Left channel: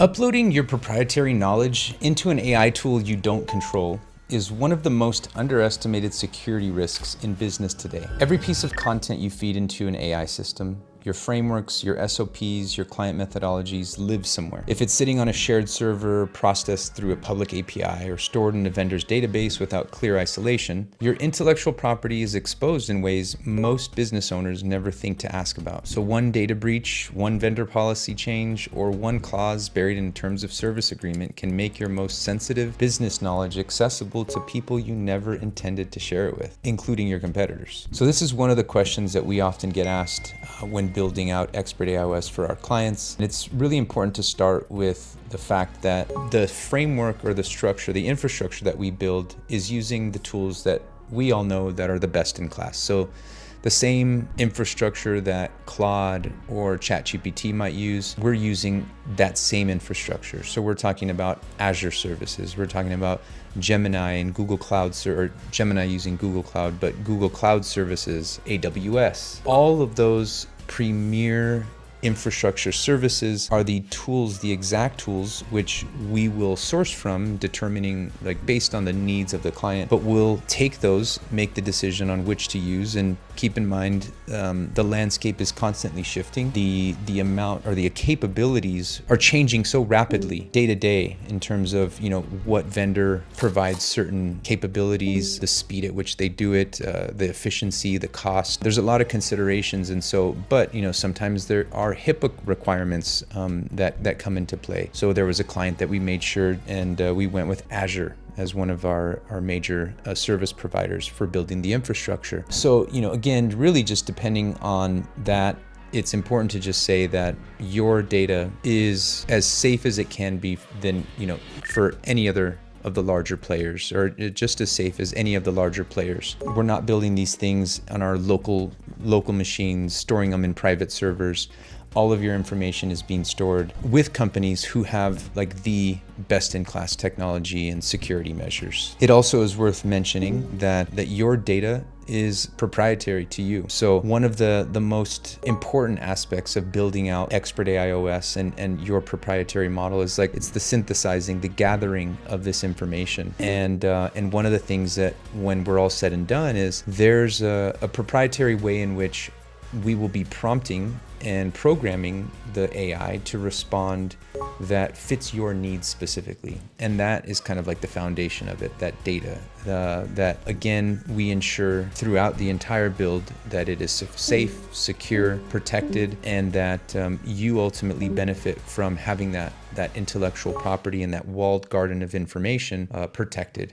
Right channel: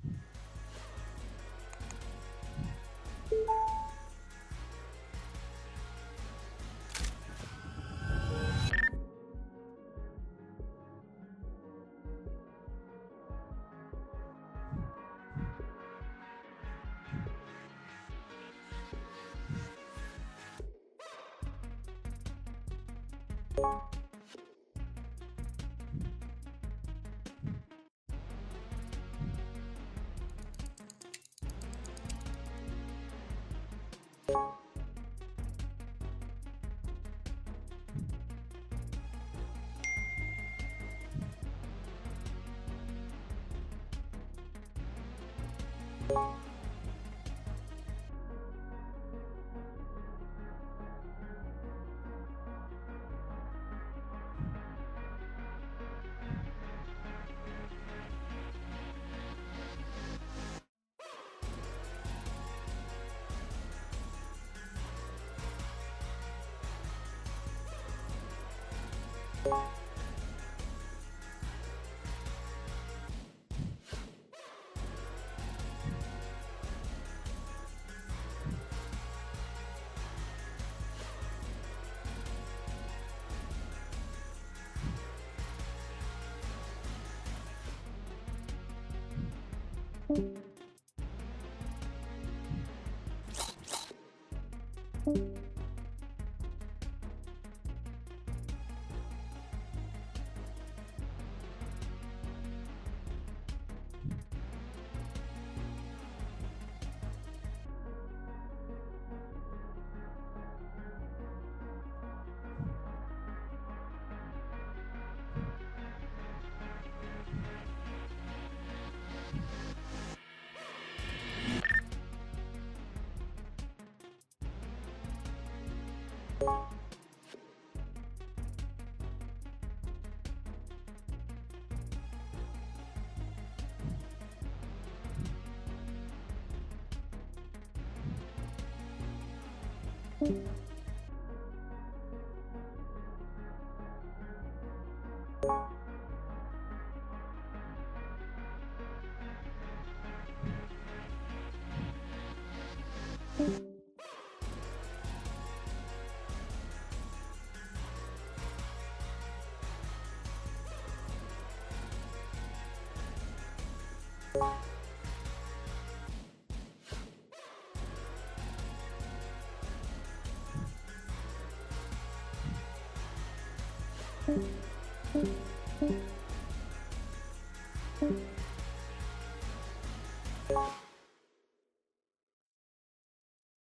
Uploading your proprietary knowledge into an AI tool you don't control is one of the most underestimated security risks in business today. Every piece of content you feed into an AI system, your frameworks, your SOPs, your client methodologies live somewhere. If it's sitting on a shared server, processed through a public API, or stored in a vendor's database without clear isolation, your intellectual property is exposed in ways most business owners never think to ask about. So one data breach, one vendor policy change, or one clause buried in terms of service agreement can make your most sensitive business knowledge accessible to people you never intended to share it with, including your competitors. So this is one of the questions that we often get asked when building out expert AIOS for our clients. And it's really important to start with the fact that the framework or the structure, the infrastructure that we build is using the tools that we all know that are the best in class. So the same infrastructure that Claude or ChatGPT might use, we're using that same infrastructure. So we're talking about Azure services. We're talking about Gemini and Google Cloud, or Gemini using Google Cloud, but Google Cloud services, AWS. All of those premier infrastructure services are the tools, the exact tools, which we will source from, determining based on the needs of the client, but we'll take those, make the decision on which to use, and keep in mind the landscape is constantly shifting. The amount or the capabilities are changing so rapidly day to day in terms of what vendor provides certain capabilities, the speed at which they do it, the efficiency, the cost. There's a lot of considerations, and so but sometimes there are HIPAA requirements that come into play. So there was a client that we made sure, and we went with Azure as one of our major service providers for building the infrastructure. So again, really just depending on that, it's important to just say that your data is as safe as it can be than for any other of the larger players, or just as safe as any of the larger players. We're not building these things on our local machines, storing them in private servers. All of your information is being stored with companies who have the best-in-class technology and security measures. It also is worth mentioning that your data is proprietary to you. So one of the most important aspects of building out expert AIOS and your proprietary model is it's the synthesizing, the gathering of this information. And one of the things that when we're all said and done is there's a proprietary way in which we will be prompting and programming the AI to respond that fits your needs specifically. And that is kind of the foundation of it, that data. That again, we ensure throughout the entire build that it is safe, secure, protected, and that you ultimately benefit from having that intellectual property and that walled garden of information protected.